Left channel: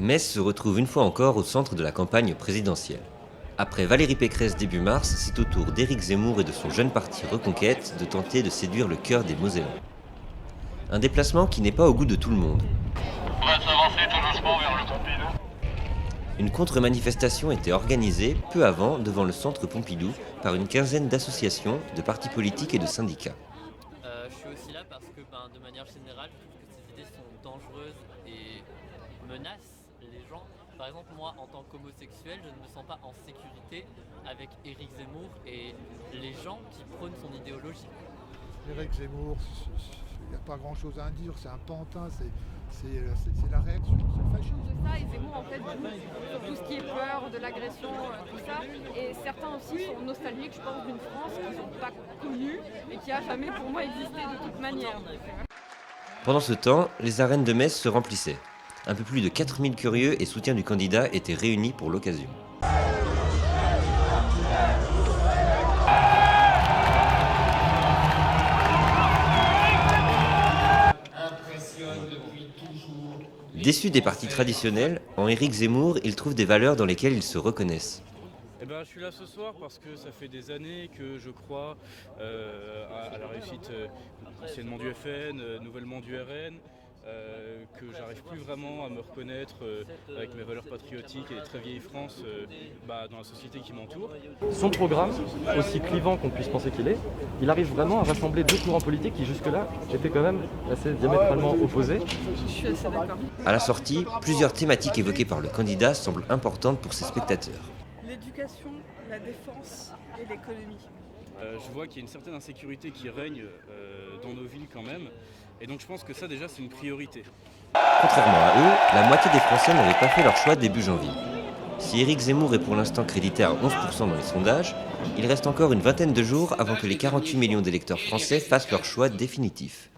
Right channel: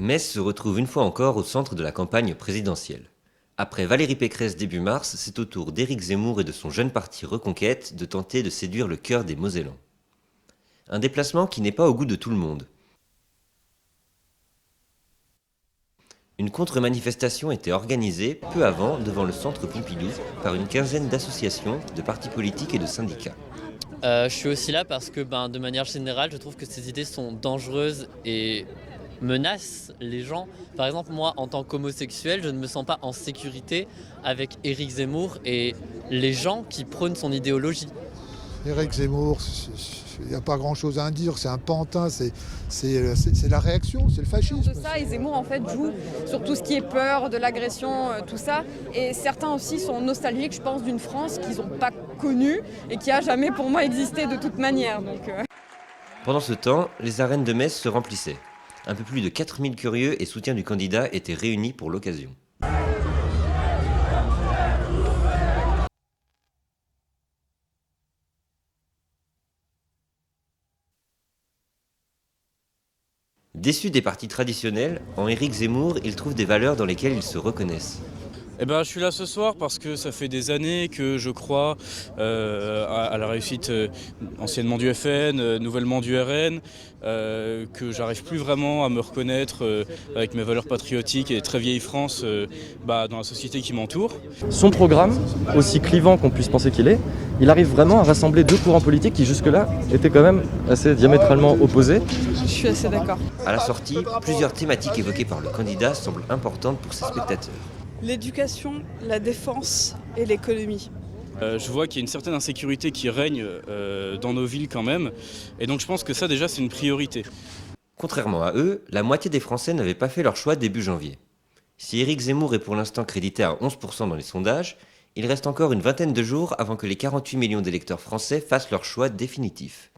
Metz se retrouve une fois encore au centre de la campagne présidentielle. Après Valérie Pécresse début mars, c'est au tour d'Éric Zemmour et de son jeune parti Reconquête de tenter de séduire le cœur des Mosellans. Un déplacement qui n'est pas au goût de tout le monde. On va s'avancer tout doucement vers le Pompidou. Une contre-manifestation était organisée peu avant devant le centre Pompidou par une quinzaine d'associations, de partis politiques et de syndicats. Je suis aussi là parce que de manière générale, je trouve que ces idées sont dangereuses et menacent les gens. Par exemple, moi, en tant qu'homosexuel, je ne me sens pas en sécurité avec Éric Zemmour et les gens qui prônent son idéologie. Éric Zemmour, il n'y a pas grand-chose à en dire, c'est un pantin, c'est la réaction, c'est le fascisme. De ça, et Zemmour en fait joue sur tout ce qui est peur, de l'agression, tout ça. Et certains aussi sont nostalgiques, je pense, d'une France qu'ils n'ont pas connue et qui a jamais pour moi existé de toute manière. Pendant ce temps, les arènes de Metz se remplissaient. Un peu plus de 4000 curieux et soutiens du candidat étaient réunis pour l'occasion. Déçus des partis traditionnels, en Éric Zemmour, ils trouvent des valeurs dans lesquelles ils se reconnaissent. Je suis là ce soir parce que ça fait des années que je crois à la réussite anciennement du FN, nouvellement du RN, que j'arrive plus vraiment à me reconnaître avec mes valeurs patriotiques et très vieille France dans la société qui m'entoure. Son programme, aussi clivant qu'on puisse penser qu'il est, il arrive vraiment à rassembler deux courants politiques qui jusque-là étaient quand même assez diamétralement opposés. Je suis assez d'accord. À la sortie, plusieurs thématiques évoquées par le candidat semblent importantes pour ses spectateurs. L'éducation, la défense et l'économie. Je vois qu'il y a une certaine insécurité qui règne dans nos villes quand même, et donc je pense que ça déjà c'est une priorité. Contrairement à eux, la moitié des Français n'avaient pas fait leur choix début janvier. Si Éric Zemmour est pour l'instant crédité à 11% dans les sondages, il reste encore une vingtaine de jours avant que les 48 millions d'électeurs français fassent leur choix définitif.